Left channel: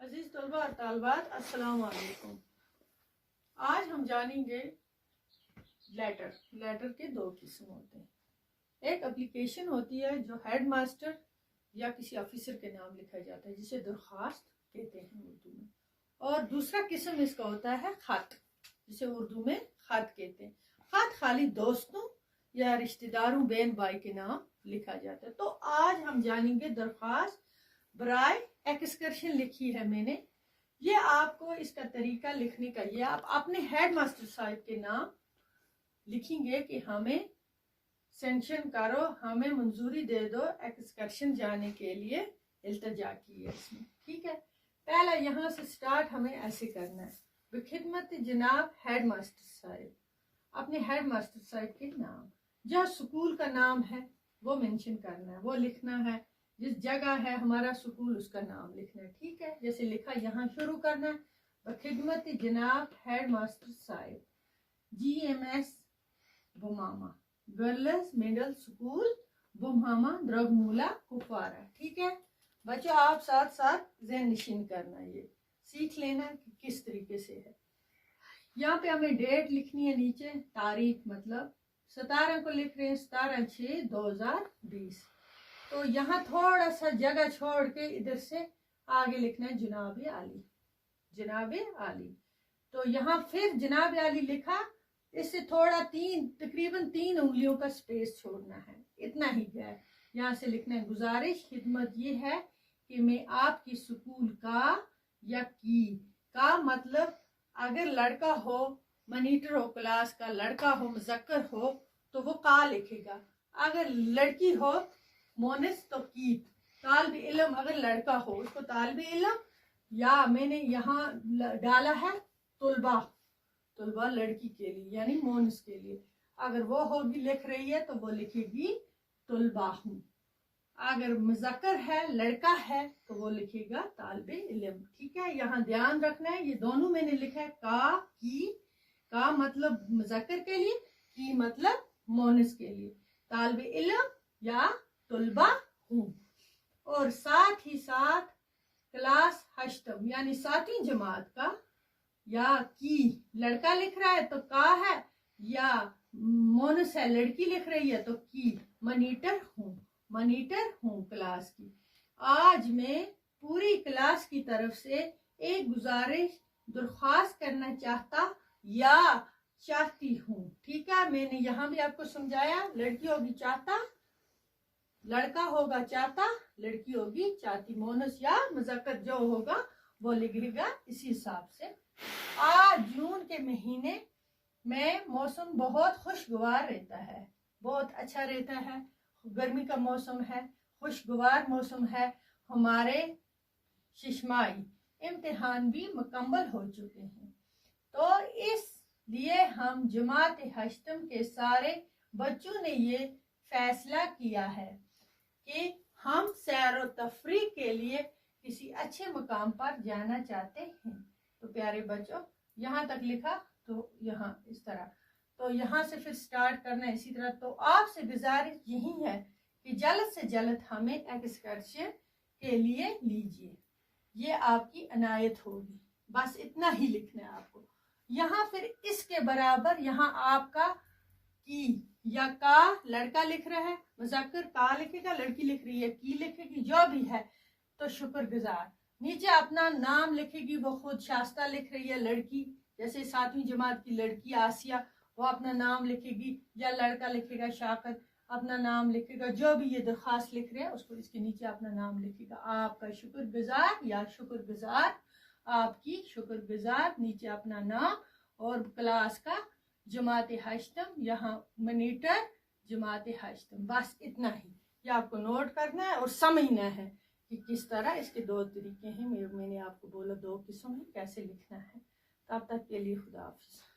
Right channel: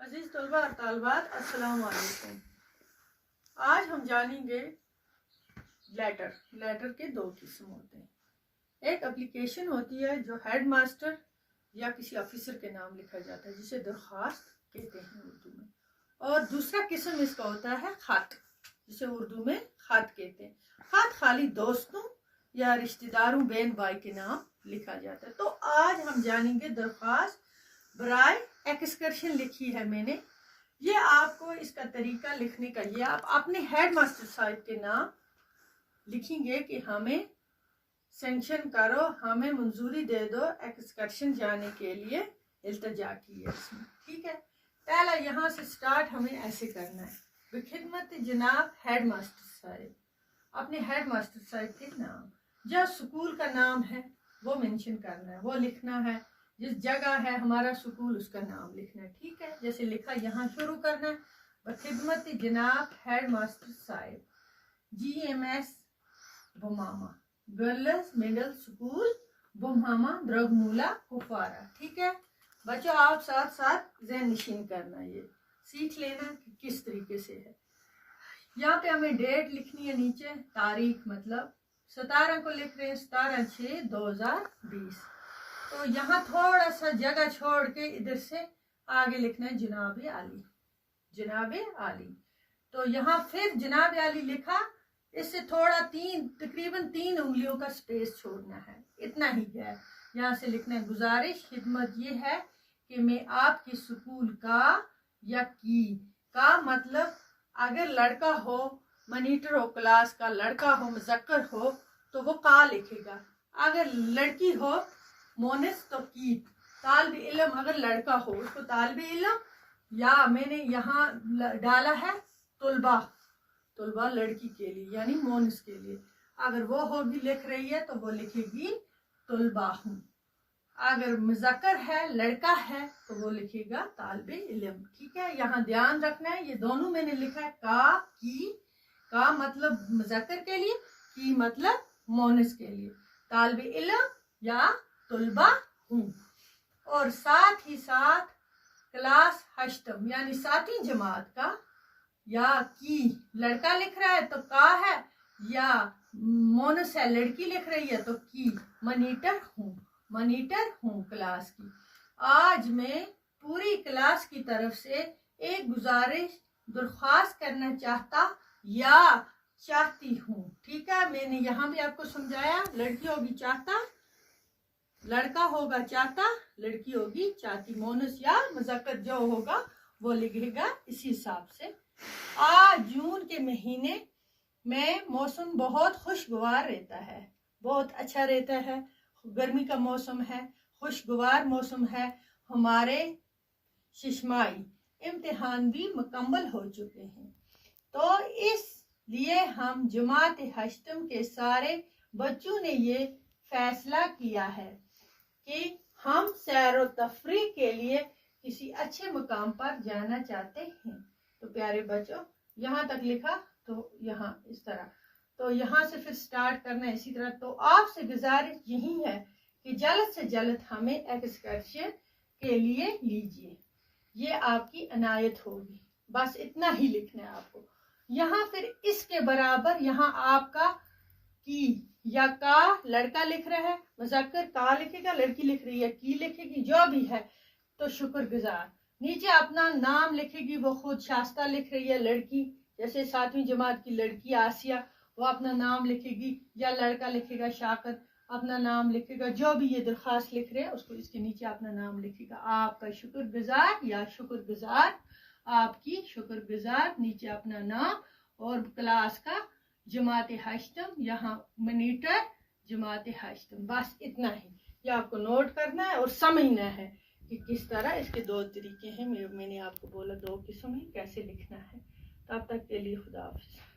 अजीज तलबा और तालबात, अस्सलाम वालेकुम। आज हम जानेंगे लेटर के दो किस्म होते हैं। एक एप्लीकेशन होती है जो हेड मास्टर या किसी ऑफिसर के नाम लिखा जाता है, जिसे दरख्वास्त कहते हैं उर्दू में। और दूसरा किस्म इसका होता है खत, जिसे उर्दू में खत कहते हैं। खत खाली दोस्तों या रिश्तेदारों बहन भाई के नाम लिखा जाता है। तो आज हम जानेंगे दरख्वास्त बराए एक्सकर्शन लिखी है मैंने। ये आपको इसका तरीका लिखने का, ये आप अपने हेड मास्टर साहब के नाम लिखेंगे कि हमें सेंक्शन करो, हमें मंजूरी दे दो एक्सकर्शन जाने के लिए, इल्तजा की है इसमें। ठीक है, पहला यहाँ से स्टार्ट हमें ऐसे करना है। बखिदमत जनाब हेड मास्टर साहब, अपने हेड मास्टर साहब के नाम, जो स्कूल का नाम है वो मेंशन करना है, वो लिखना है। जिस जगह है हमारा स्कूल उसका नाम लिखना है। ठीक है, जैसे लिखा यहाँ शुरू करना है, बखिदमत जनाब हेड मास्टर साहब GMS Bumama girls middle school Bumama Drugmulla Kupwara. ठीक है बच्चों, आप साथ साथ ज़हन नशीन करना, ये सीख लेना कि किस तरीके से है। यहाँ पे हमें डेट लिखनी है, नीचे तारीख, मतलब 17 को लिख रहे हैं, 17/6/2020। तो यहाँ थोड़ा सा जगह छोड़ के इधर से आगे लिखना है जनाब आली, जनाब आली। तो यहाँ फिर जनाब आली लिखा, इससे थोड़ा तकरीबन 3 उंगलियों का स्पेस छोड़ना है, इतना ही है। यहाँ से लिखना है गुजारिश खिदमत ये है कि मैं आपकी स्कूल का या की का मतलब अगर लड़का हो मॉनिटर हो, क्लास का लड़का हो, मुज़क्कर हो तो वो का लिखेगा, अगर लड़की हो मोनिस तो की। तालिब इल्म अगर लड़का हो उसको तालिब इल्म, या मैंने यहाँ डाला है तुलबा, तुलबा लड़की के लिए यानी मोनिस के लिए। अगर वो होगी लिख रही है तो वो लिखेगी तुलबा हूँ। अगर मुज़क्कर है लड़का है तो वो लिखेगा तालिब इल्म। ठीक है, यहाँ ध्यान रखना है, ये दोनों मैंने लिखा है का की, का मतलब मुज़क्कर के लिए, की मतलब मोनिस के लिए, तालिब इल्म या तुलबा हूँ। और साथ ही साथ क्लास हश्तम यानी 7वीं जमात का, या की लड़का लिख रहा है तो का है, या मोनस है लड़की लिख रही है तो की। मॉनिटर हूँ, मॉनिटर हूँ क्लास की। आज मैं पूरी क्लास की तरफ से एक गुजारिश दरख्वास्त करना चाहता या चाहती हूँ। ठीक है, मैंने यहाँ भी आपको समझाया, लड़की होगी चाहता, लड़का होगा चाहता, लड़की होगी चाहती। मोनस या मुज़क्कर जो होगा वो लिखेगा इसी हिसाब से। आज जून के महीने में मौसम बहुत खुशगवार रहता है, बहुत अच्छा रहता है। गर्मी का मौसम है, खुशगवार मौसम है। हमारे शिशमाई इम्तिहान भी मुकम्मल हो चुके हैं, तो इसलिए हम जमात हश्तम के सारे बच्चों ने ये फैसला किया है कि हम सैर व तफरीह के लिए किसी अच्छे मुकाम पर जाना चाहते हैं। तो प्यारे बच्चों, यहाँ तक लिखा तो यहाँ इस तरह, तो यहाँ से फिर स्टार्ट करना है इसी तरह। तो आपसे गुजारिश यही है कि जल्द से जल्द हमें एक्सकर्शन के लिए लीजिए, ये आपकी अनायत होगी। बस इतना ही लिखना है आपको। यहाँ फिर इसके बराबर यहाँ आपका की या का लड़का लिख रहा है, मुज़क्कर का लिखेगा, लड़की लिख रही है की लिखेगी, जो भी है। तो शुक्रगुजार नीचे अपना नाम लिखेगी, वो खुद शास्ता लिख रही है लड़की, जैसे 7वीं जमात की लड़की आसिया, वो अपना नाम लिखेगी, या लड़का लिखेगा शाकर अपना नाम लिखेगा। जो भी ये दरख्वास्त लिख रहे हैं उसको इसके नीचे अपना नाम लिखेगा। आपका शुक्रगुजार या शुक्रगुजार, आपकी शुक्रगुजार, नीचे अपना नाम और क्लास का जमात हश्तम, यहाँ मॉनिटर जमात हश्तम। बस इतना ही, ये आपको नोट करना है और समझना है कि किस तरह इसके 2 तरीके हैं। मैंने आपको बोला 2 किस्म है कैसे लिखना है। तब तक के लिए खुदा हाफिज़।